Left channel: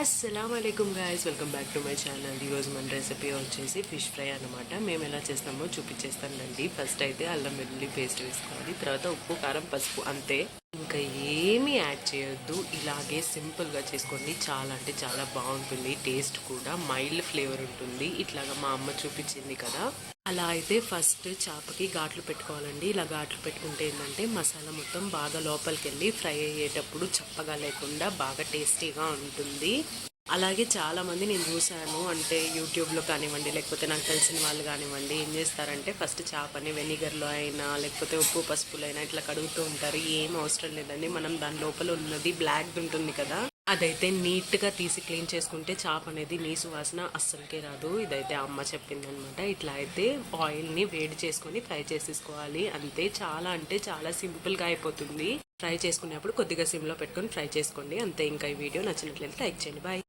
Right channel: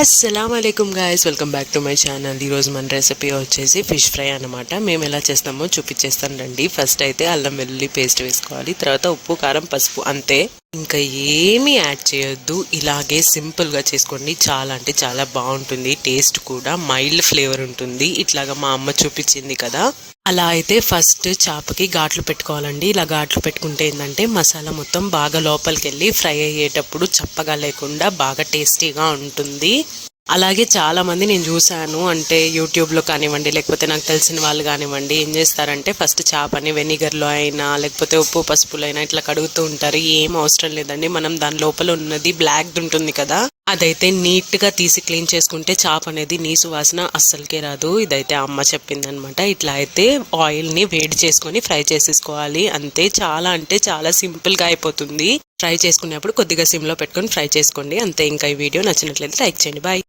అస్సలాముఅలైకుం guys, welcome back to my channel. ఈరోజు మన recipe వచ్చేసి ఫిష్ ఫ్రై అనమాట. మేము ఎలా చేస్తామో చూపించేస్తాను రండి. ఫస్ట్ అయితే అల్లం వెల్లుల్లి పేస్ట్ వేసుకోవాలి, తర్వాత ఉప్పు కారం పసుపు, అంతే. ఇంకా ఏమీ యాడ్ చేయొద్దు. ఇలాగే సింపుల్గా చేసుకోండి. చాలా అంటే చాలా బాగుంటుంది. టేస్ట్ కూడా మైల్డ్ ఫ్లేవర్ ఉంటుంది. ఇట్లాగా మా అమ్మ చూపించింది కదా, అలా అయితే ఫస్ట్ చేపకి ఘాట్లు పెట్టుకోవాలండి. ఇలా ఘాట్లు పెట్టుకుంటే ఏంటంటే మసాలా మొత్తం బాగా లోపలికి వెళ్ళి ఫ్రై అయ్యేటప్పుడు చప్పగా లేకుండా బాగా టేస్టీగా ఉంటుంది. అలాగే చాలామంది నేను చూశాను, అంటే యూట్యూబ్లో కానివ్వండి, లేకపోతే నాకు తెలిసిన వాళ్ళు కానివ్వండి, ఏం చేస్తారంటే ఫస్ట్ చేపని వెనిగర్లో అయినా లేకపోతే ఉప్పు పసుపులో అయినా ఇట్లా కడుగుతూ ఉంటారు. ఏం అవసరం లేదండి. మనం దాని లోపల ఉన్నది బ్లాక్ ఉంటుంది కదా, అదైతే నీట్గా తీసి క్లీన్ చేసుకుంటే చేప అనేది నీసు వాసన అస్సలకే రాదు. ఇదైతే అమ్మ చెప్పిందనమాట. ఇట్లా అయితే ఆయిల్ని వేడి చేసుకొని ఫ్రై చేసేసుకోవాలి, అంతే. చాలా అంటే చాలా సింపుల్గా అయిపోతుంది. ఫ్రై చేసుకునేప్పుడు కొద్దిగా సిమ్లో పెట్టుకొని ఫ్రై చేసుకోండి, అంతే. ఇంకా ఈ వీడియో నచ్చినట్లయితే లైక్ చేయండి. బాయ్.